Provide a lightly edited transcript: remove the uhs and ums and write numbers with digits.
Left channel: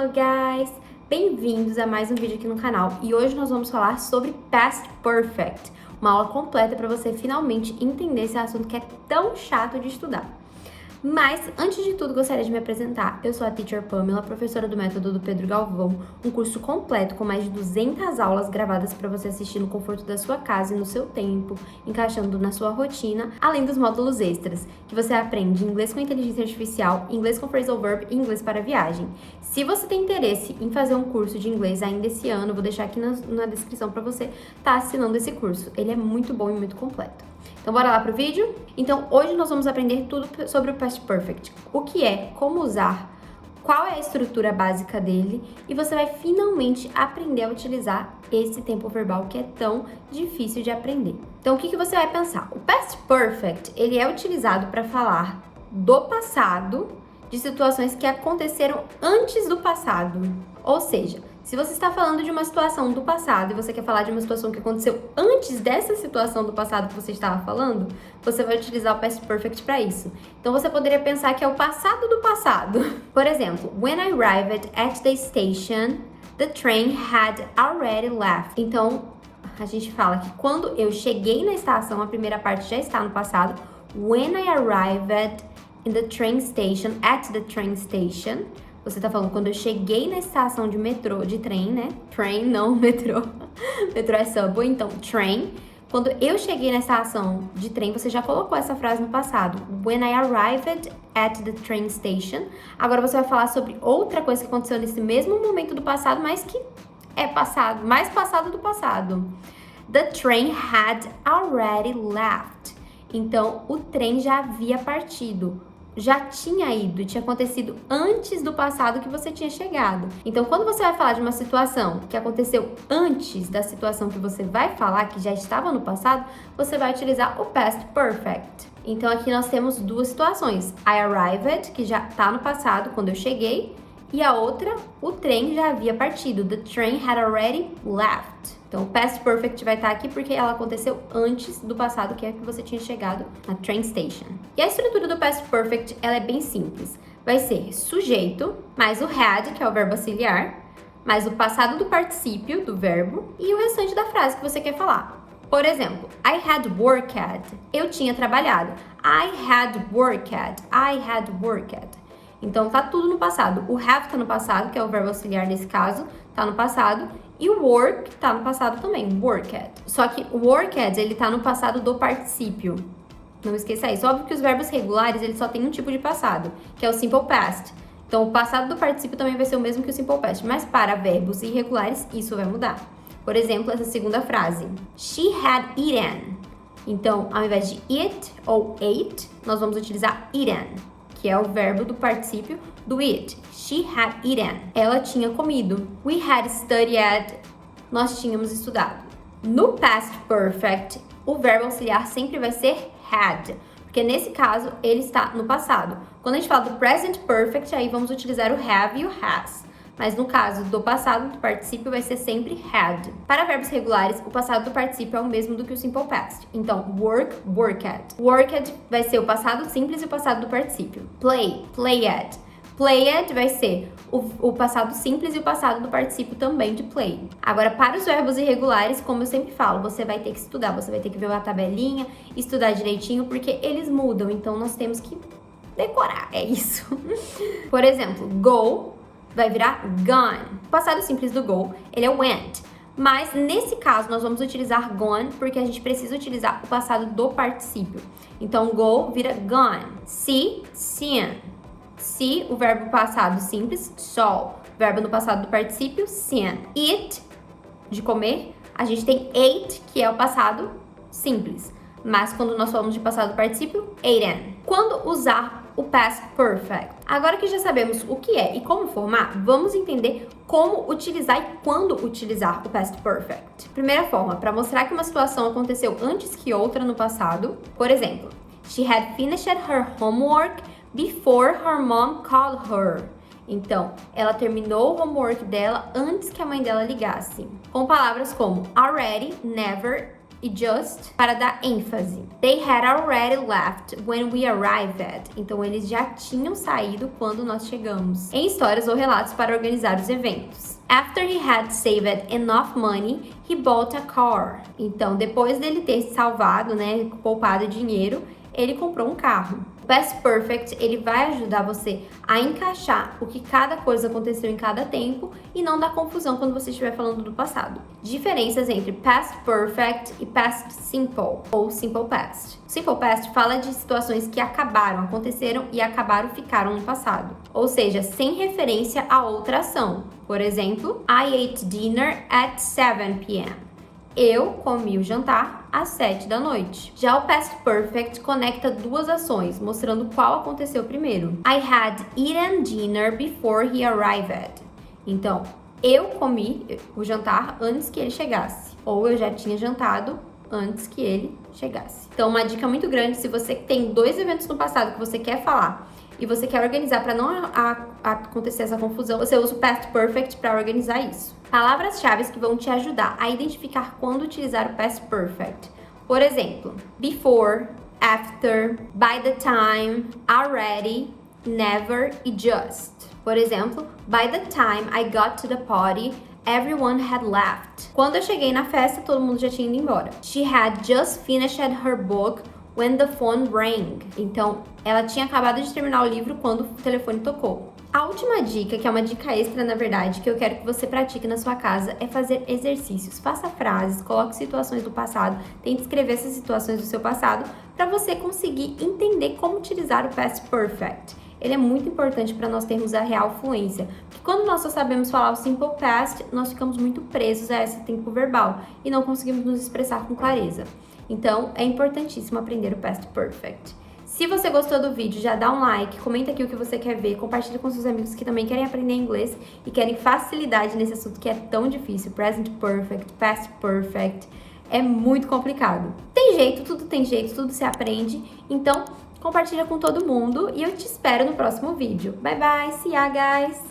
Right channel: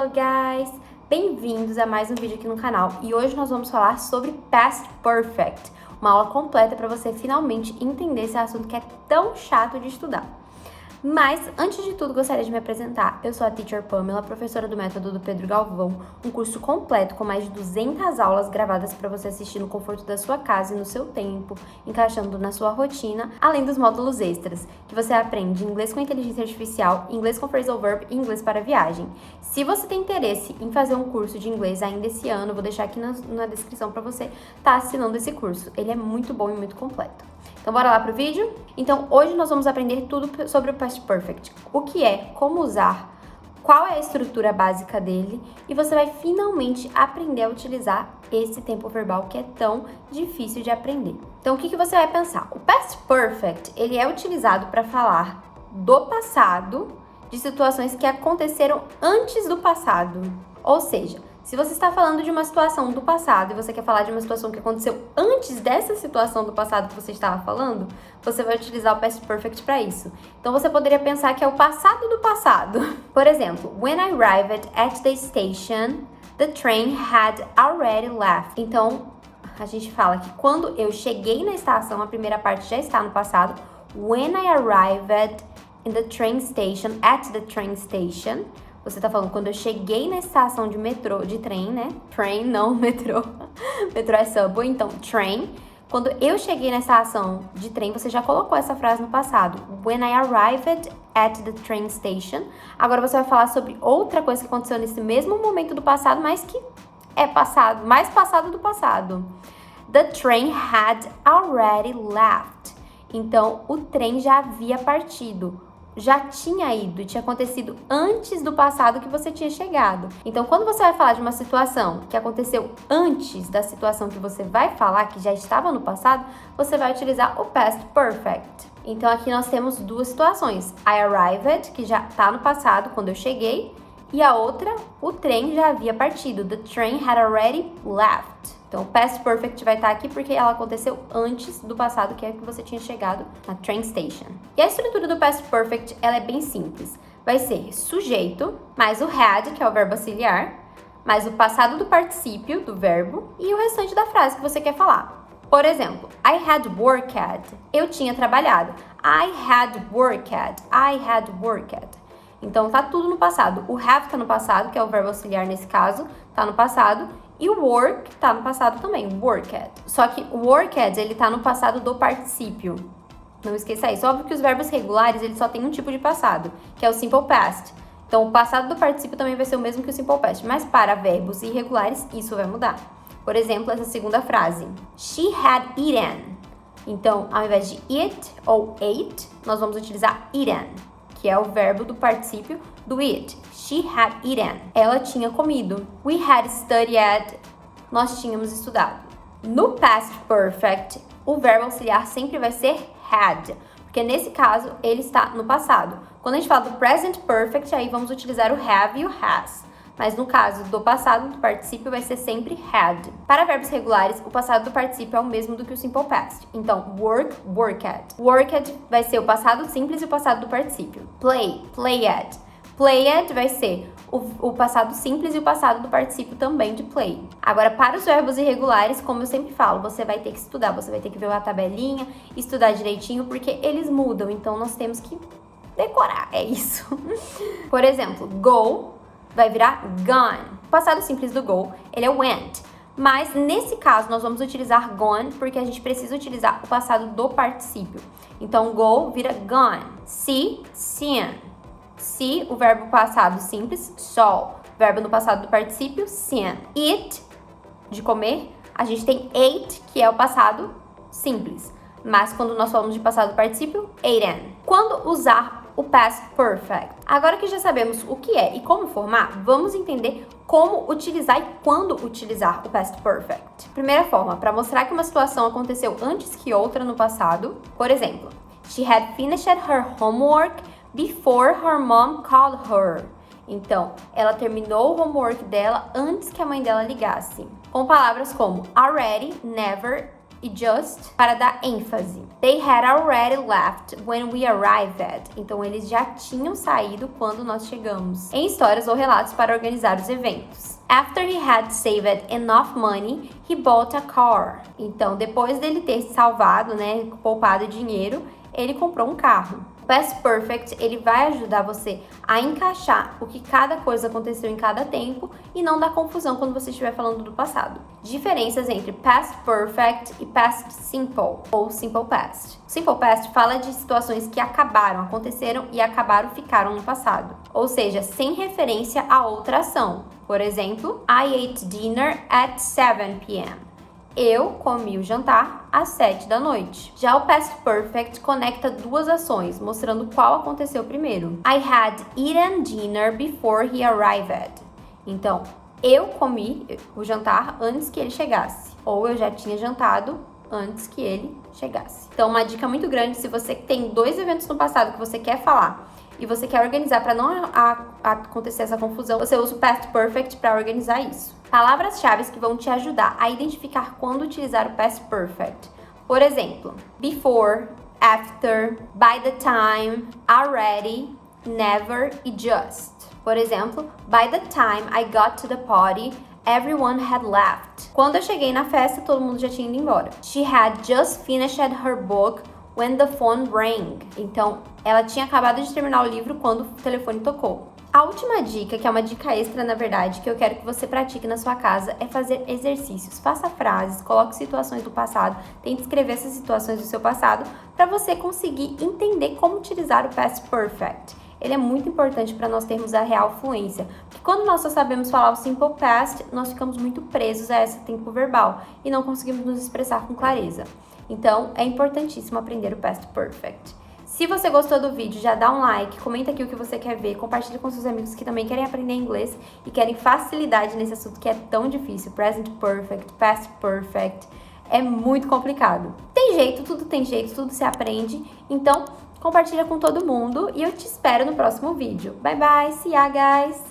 Hello guys! Bem-vindos a mais um vídeo aqui no canal e hoje nós vamos falar sobre Past Perfect, uma aula completa para você finalmente entender esse assunto que é tão chato de estudar. Mas, antes de tudo, gostaria de me apresentar. Eu sou a Teacher Pamela, professora do método do Pedro Galvão, um curso completo com mais de 200 aulas gravadas para você assistir no conforto da sua casa e no seu tempo, encaixando na sua rotina, além dos módulos extras, que você aprende inglês com inteligência artificial, inglês com phrasal verb e inglês para viagem. Se você tem interesse em fazer um curso de inglês ainda esse ano, vou deixar aqui na descrição para você estar assinando esse curso. Ele é muito bom e muito completo. Então, bora lá pro vídeo? Então, hoje nós vamos aprender tudo sobre o Past Perfect. O que é, como usar, qual é a estrutura básica dele e você vai finalmente aprender a utilizar esse tempo verbal que é tão difícil de aprender. Então, o que você vai pensar? O Past Perfect, ele é utilizado para falar do passado, de situações que aconteceram antes do passado. Ou seja, se você está falando de uma situação do passado e você quer falar de uma situação que aconteceu antes dessa situação do passado que você estava falando, você vai utilizar o Past Perfect para isso. Então, você poderia pensar que é o passado do passado. Por exemplo, when I arrived at the station, the train had already left. Então, a gente fala que quando eu cheguei na estação, a primeira parte já está no passado. When I arrived in the train station, at the train station. Você tá falando quando eu cheguei na estação de metrô, de trem, né? Train, não metrô. Metrô é subway, então train. Quando eu cheguei na estação de trem, você já colocou essa frase no passado. When I arrived at the train station. Agora você vai falar sobre outra coisa que aconteceu nesse mesmo momento do passado, mas que é passado, mais passado do passado. The train had already left. Então, o trem já havia partido. Já tinha ido, tinha acontecido antes do passado que você tinha chegado. Então, quando você vai falar de uma situação que aconteceu antes da situação que você vai falar, que já estava no passado, você vai utilizar o Past Perfect. Então, aqui nós temos duas situações. I arrived, que já está no passado, quando eu cheguei, e a outra, o trem já havia partido. The train had already left. Então, o Past Perfect vai estar aqui porque ela aconteceu antes do passado, que é que você tinha chegado na train station. E a estrutura do Past Perfect, ela é bem simples. Vai ser sujeito, mais o had, que é o verbo auxiliar, mais o passado do particípio do verbo e o restante da frase que você quer falar. Por exemplo, I had worked. Eu tinha trabalhado. I had worked. I had worked. Então, tá tudo no passado. O have tá no passado, que é o verbo auxiliar nesse caso, tá no passado. E o work tá no passado também, worked. Só que o worked, ele tá no passado do particípio. Não esqueça isso. Óbvio que os verbos regulares, eles só tem um tipo de passado, que é o simple past. Então, o passado do particípio também vai ser o mesmo que o simple past. Mas para verbos irregulares, isso vai mudar. Por exemplo, essa segunda frase. She had eaten. Então, ao invés de eat ou ate, nós vamos utilizar eaten, que é o verbo do particípio do eat. She had eaten. Ela tinha comido. We had studied. Nós tínhamos estudado. No Past Perfect, o verbo auxiliar sempre vai ser had, porque nesse caso ele está no passado. Quando a gente fala do Present Perfect, aí vamos utilizar o have e o has. Mas no caso do passado do particípio vai ser sempre had. Para verbos regulares, o passado do particípio é o mesmo do que o simple past. Então, work, worked. Worked vai ser o passado simples e o passado do particípio. Play, played. Played vai ser o passado simples e o passado do particípio também de play. Agora, para os verbos irregulares, como eu sempre falo, você vai ter que estudar, você vai ter que ver a tabelinha, estudar direitinho, porque eles mudam, então nós temos que decorar, é isso. Por exemplo, go vai virar gone. O passado simples do go, ele é went. Mas, nesse caso, nós vamos utilizar gone, porque a gente precisa utilizar o passado do particípio. Então, go vira gone. See, seen. See, o verbo passado simples, saw. Verbo no passado do particípio, seen. Eat, de comer, a gente tem ate, que é o passado simples. Mas quando nós falamos de passado do particípio, aten. Quando usar o Past Perfect? Agora que já sabemos o que é e como formar, vamos entender como utilizar e quando utilizar o Past Perfect. Primeira forma, para mostrar que uma situação aconteceu antes que outra no passado. Por exemplo, she had finished her homework before her mom called her. Então, ela terminou o homework dela antes que a mãe dela ligasse. Com palavras como already, never e just para dar ênfase. They had already left when we arrived. Então, eles já tinham saído quando nós chegamos. Em histórias ou relatos para organizar os eventos. After he had saved enough money, he bought a car. Então, depois dele ter salvado, poupado dinheiro, ele comprou um carro. Past Perfect, ele vai ajudar você a encaixar o que cada coisa aconteceu em cada tempo e não dar confusão quando você estiver falando do passado. Diferenças entre Past Perfect e Past Simple, ou Simple Past. Simple Past fala de situações que acabaram, aconteceram e ficaram no passado. Ou seja, sem referência a outra ação. Por exemplo, I ate dinner at 7 p.m. Eu comi o jantar às 7 da noite. Já o Past Perfect conecta duas ações, mostrando qual aconteceu primeiro. I had eaten dinner before he arrived. Então, eu comi o jantar antes que ele chegasse. Ou eu já tinha jantado antes que ele chegasse. Então, uma dica muito grande, se você tem dois eventos no passado que você quer falar e você quer organizar para não acontecer essa confusão, você usa o Past Perfect para organizar isso. Palavras-chave que vão te ajudar a identificar quando utilizar o Past Perfect. Por exemplo, before, after, by the time, already, never e just. Por exemplo, by the time I got to the party, everyone had left. Quando eu cheguei na festa, todo mundo já tinha ido embora. She had just finished her book when the phone rang. Então, ela tinha acabado de terminar o livro quando o telefone tocou. A última dica, que é uma dica extra, na verdade, que eu quero que você pratique na sua casa, é fazer exercícios. Faça frases, coloque situações do passado, tente escrever essas situações do seu passado para você conseguir entender como utilizar o Past Perfect. Ele é muito importante para nós termos a real fluência. Porque quando nós só sabemos falar o Simple Past, nós ficamos muito presos a esse tempo verbal e não conseguimos nos expressar com clareza. Então, é importantíssimo aprender o Past Perfect. Se você gostou do vídeo, já dá um like, comenta aqui o que você quer ver, compartilha com seus amigos que também querem aprender inglês e querem facilidade nesse assunto que é tão difícil. Present Perfect, Past Perfect, é muito complicado. Tem jeito, tudo se aprende. Então, compartilha com todo mundo e eu te espero no próximo vídeo. Bye bye, see ya guys!